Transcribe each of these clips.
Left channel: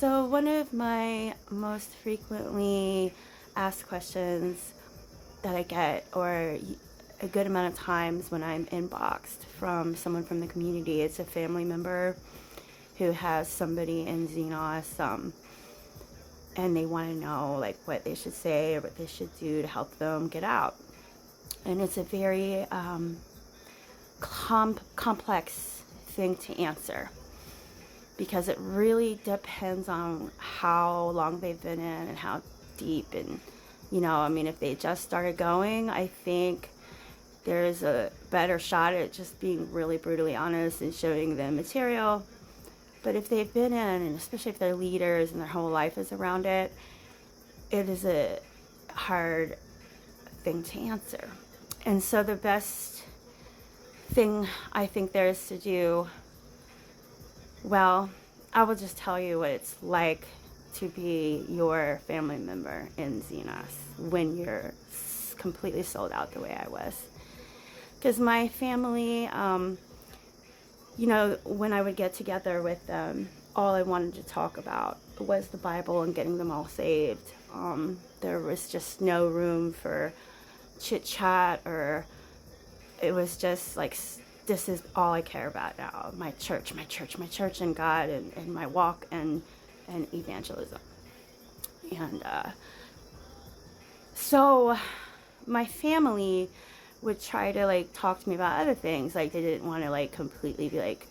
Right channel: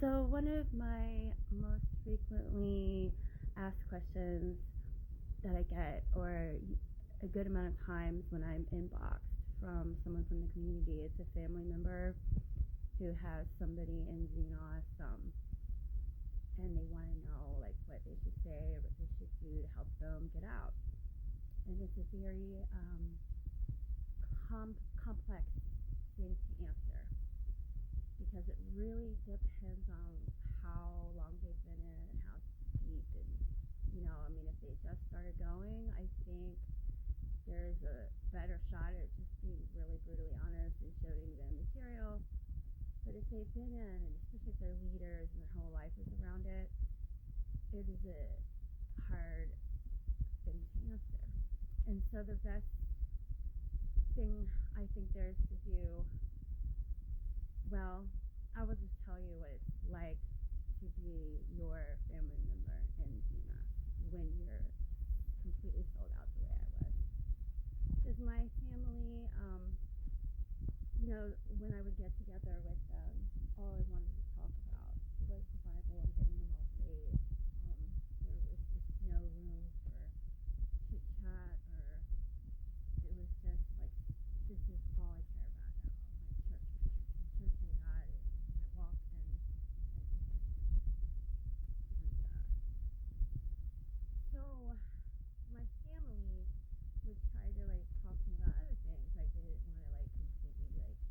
So one of my most frequently asked questions that I get, or a good amount of times when I'm inboxed from someone from the community, it's a family member who has somebody in Xenos, and they want to know like what they should say or what they should do to help them get out. And it's a very complex thing to answer, because it really depends on how long they've been in and how deep. And if they just started going, I think there's a better shot at just being really brutally honest and showing them material. But if they've been in, and especially if they're leaders and their whole life is around it, it is a hard thing to answer. And so the best thing I think there is to do, well, I will just tell you what it's like to be your family member in Xenos when you're completely sold out the way I was. Because my family, when I would get together with them, all I wanted to talk about was the Bible and getting them all saved. There was just no room for chit chat, or it was just like, this is all I care about now. My church, and God, and my walk and evangelism. And so my family would try to like talk to me about other things. Like they didn't want to like completely be like,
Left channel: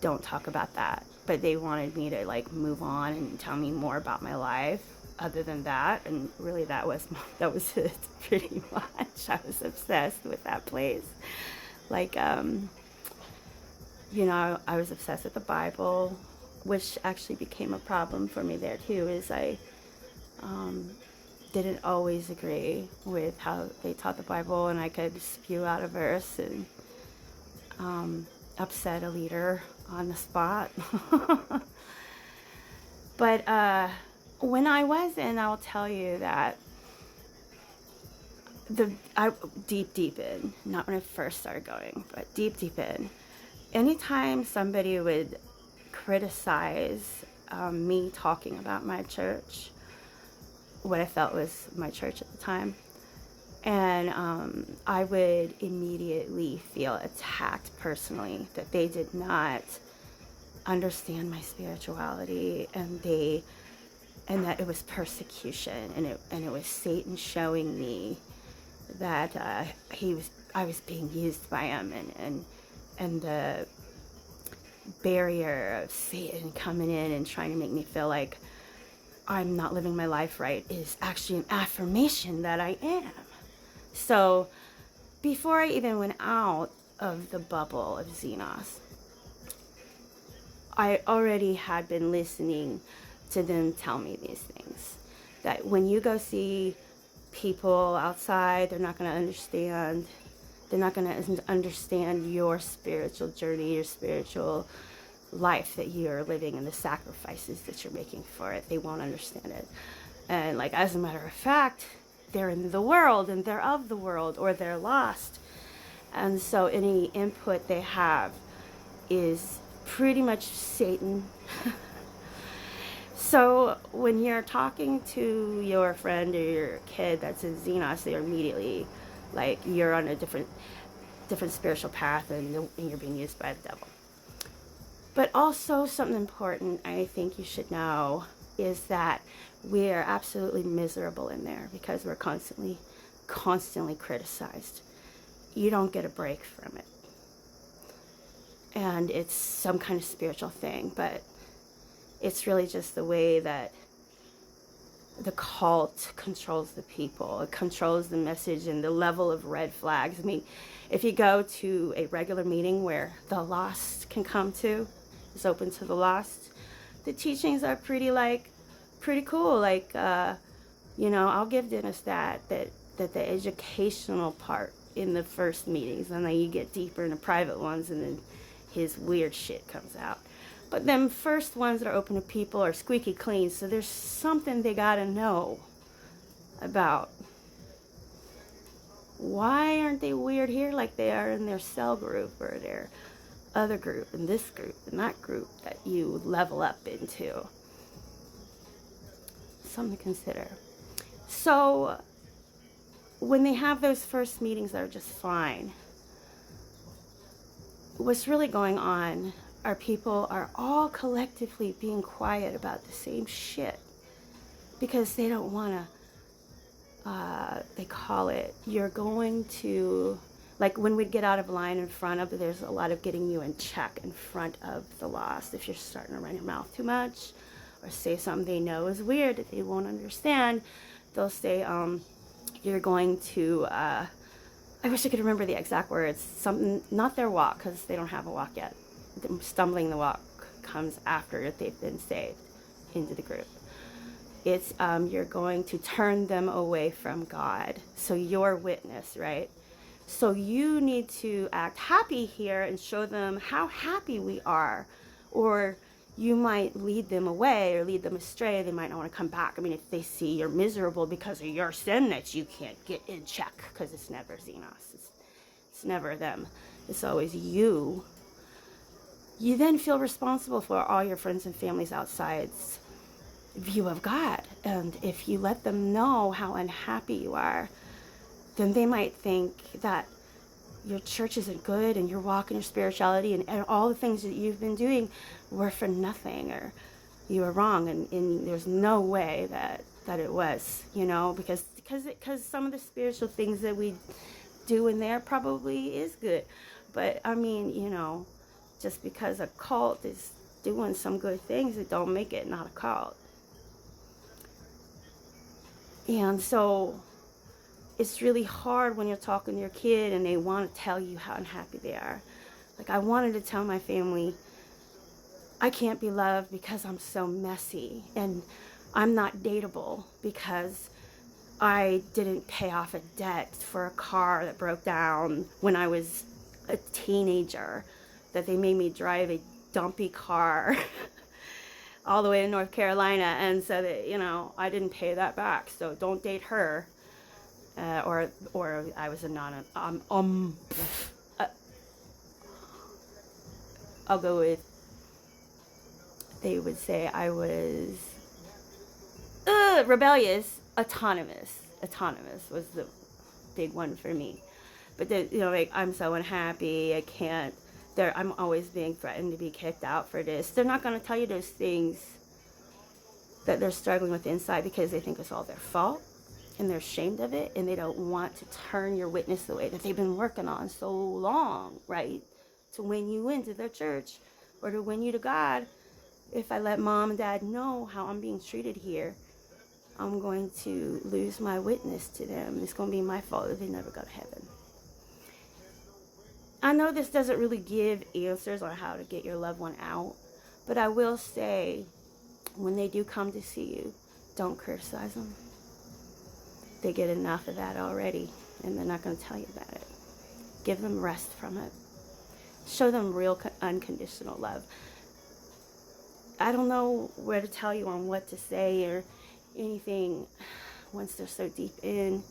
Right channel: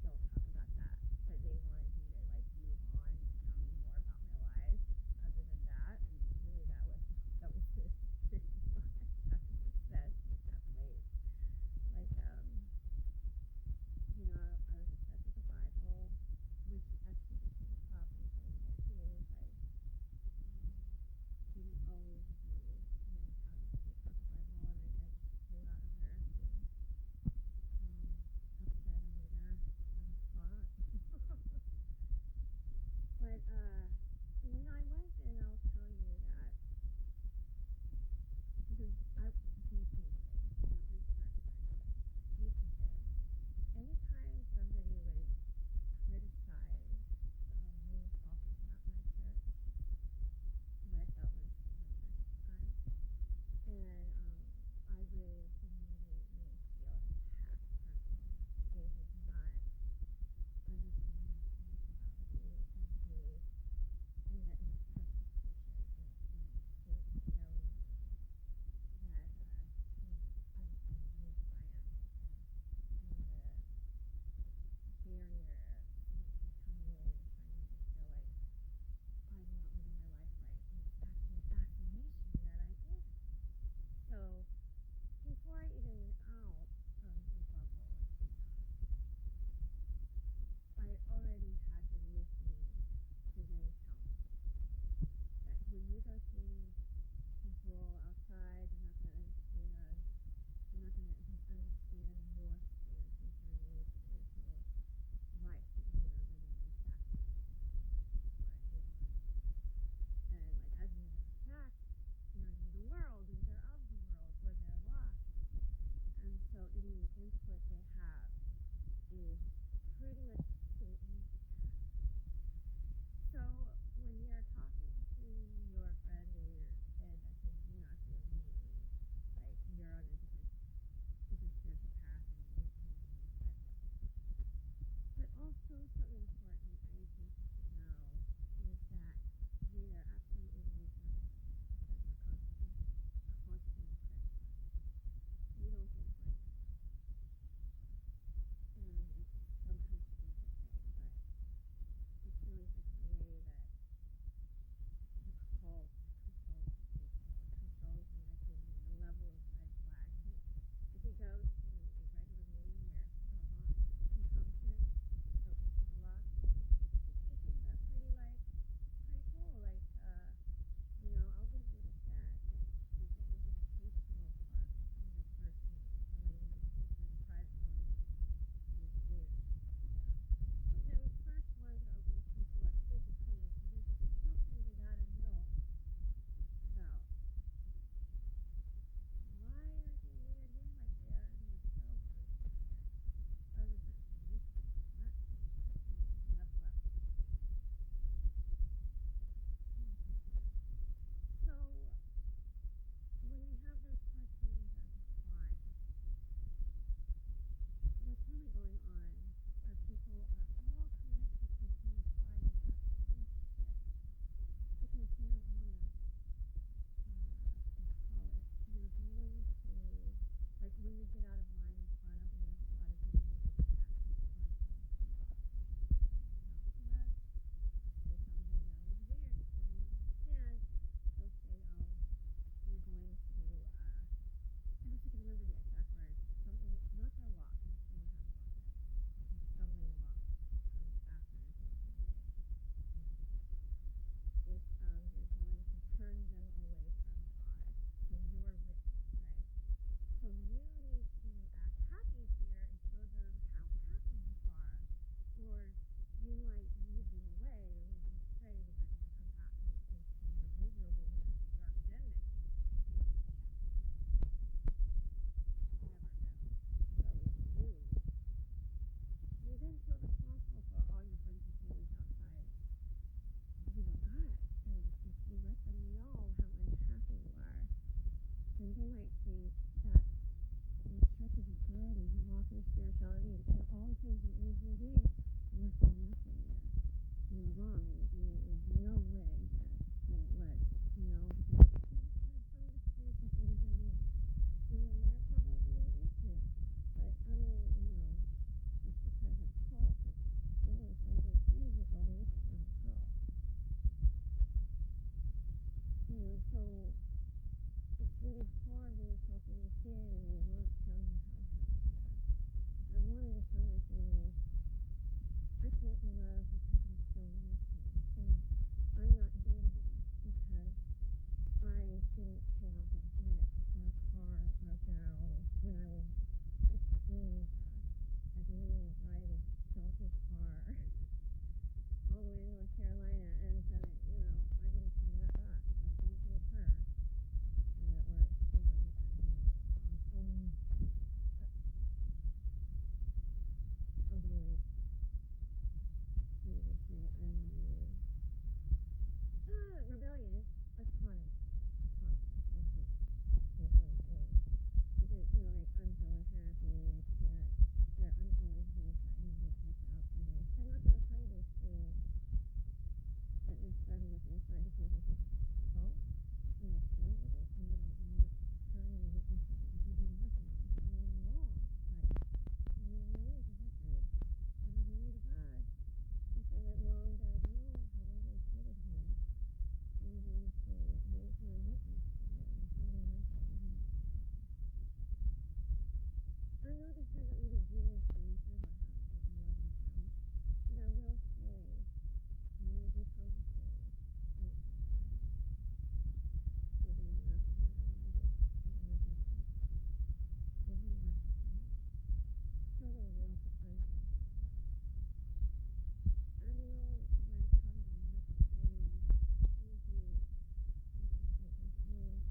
don't talk about that. But they wanted me to like move on and tell me more about my life other than that. And really that was it pretty much. I was obsessed with that place. Like, I was obsessed with the Bible, which actually became a problem for me there too, is I didn't always agree with how they taught the Bible, and I could spew out a verse and upset a leader on the spot. But when I was in, I'll tell you that deep in, not when I first started going, but deep in, anytime somebody would criticize me talking about my church, what I felt was my church at the time, and I would immediately feel attacked personally, that they did not understand my spirituality, and that it was persecution, and it was Satan showing me that I was being used by him, and the barrier of Satan coming in and trying to make me feel like I'm not living my life right is actually an affirmation that I am. So before I even went out of the bubble of Xenos, I already had been listening to them tell me these things. That when you go see people outside, they're not going to understand. They're not going to understand your spiritual journey, your spiritual life that you're living, and the sacrifices that you're making for it. They won't understand it. And like, as a matter of fact, they're in the world and they're of the world, or they're lost. And so any input they have is pretty much Satan. So when you're talking to your friend or your kid that's in Xenos, they're immediately like, you're on a different spiritual path, and you're being used by the devil. But also something important I think you should know is that we are absolutely miserable in there, because we're constantly criticized. You don't get a break from it. And it's some kind of spiritual thing, but it's really just the way that the cult controls the people. It controls the message and the level of red flags. I mean, if you go to a regular meeting where the lost can come to, it's open to the lost, the teachings are pretty cool. Like, I'll give Dennis that the educational part in the first meetings, and then you get deeper in the private ones, and then his weird shit comes out. But them first ones that are open to people are squeaky clean, so there's something they gotta know about. Why aren't they weird here like they are in their cell group or their other group and this group and that group that you level up into? something to consider. So when they have those first meetings that are just fine, what's really going on are people are all collectively being quiet about the same shit because they don't want to, they call it, you're going to, like when we get out of line in front of, there's a lot of getting you in check in front of the lost. If you're starting to run your mouth too much or say something they know is weird that they won't understand, they'll say, you're going to, I wish I could remember the exact words, something, not their walk, because they don't have a walk yet. Stumbling the walk comes after they've been saved into the group. It's you're going to turn them away from God. So your witness, right? So you need to act happy here and show them how happy we are. Or you might lead them away or lead them astray. They might not want to come back. I mean, if they see you're miserable because of your sin that you can't get in check, because it's never Xenos. It's never them. It's always you. You then feel responsible for all your friends and family's outside's view of God. And if you let them know how unhappy you are, then they might think that your church isn't good and your walk in your spirituality and all the things that you've been doing were for nothing, or you were wrong, and there's no way that it was, you know, because some of the spiritual things that we do in there probably is good. But I mean, you know, just because a cult is doing some good things, it don't make it not a cult. And so it's really hard when you're talking to your kid and they want to tell you how unhappy they are. Like, I wanted to tell my family, I can't be loved because I'm so messy, and I'm not dateable because I didn't pay off a debt for a car that broke down when I was a teenager, that they made me drive a dumpy car all the way to North Carolina, and so that, you know, I didn't pay that back, so don't date her. Or I was a I'll go with, they would say I was rebellious. Autonomous was the big one for me. But you know, like, I'm so unhappy, I can't, I'm always being threatened to be kicked out for this. They're not going to tell you those things that they're struggling with inside because they think it's all their fault and they're ashamed of it, and they don't want to turn your witness the way that they've been working on so long, right? To win you into their church or to win you to God. If I let mom and dad know how I'm being treated here, I'm going to lose my witness to them. It's going to be my fault that they never go to heaven. I know this doesn't really give answers on how to get your loved one out, but I will say, when they do come to see you, don't criticize them. They get enough of that already, and they're not going to tell you about it. Give them rest from it. Show them real unconditional love. I don't know where to tell you on what to say or anything once they're so deep in.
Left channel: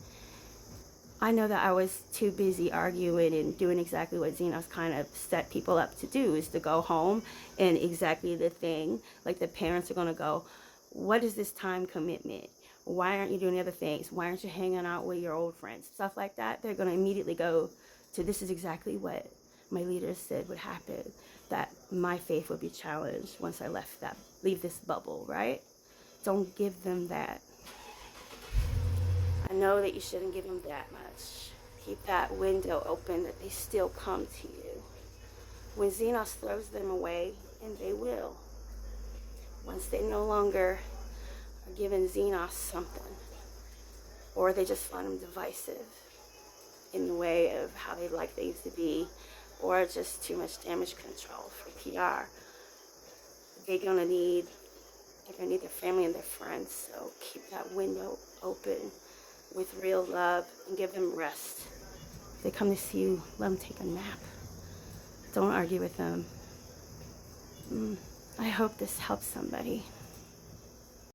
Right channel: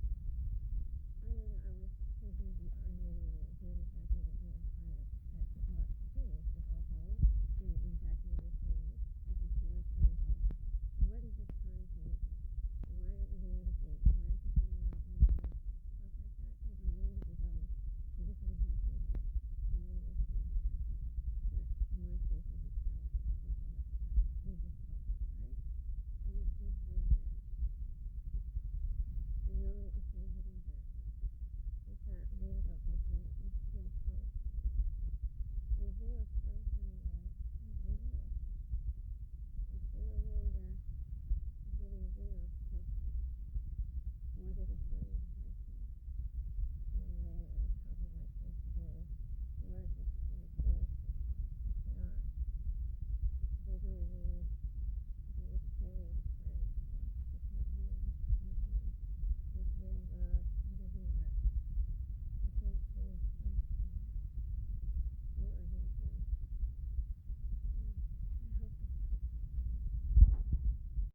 I know that I was too busy arguing and doing exactly what Xenos kind of set people up to do, is to go home and exactly the thing. Like, the parents are going to go, what is this time commitment? Why aren't you doing other things? Why aren't you hanging out with your old friends? Stuff like that. They're going to immediately go to, this is exactly what my leaders said would happen, that my faith would be challenged once I leave this bubble, right? Don't give them that. I know that you shouldn't give them that much. Keep that window open that they still come to you. When Xenos throws them away, and they will, once they no longer are giving Xenos something, or they just find them divisive in the way of how they like things to be, or just too much damage control for PR, they're gonna need their family and their friends. So keep that window open with real love and give them rest. If they come to see you, let them take a nap. Don't argue with them. I hope this helps somebody.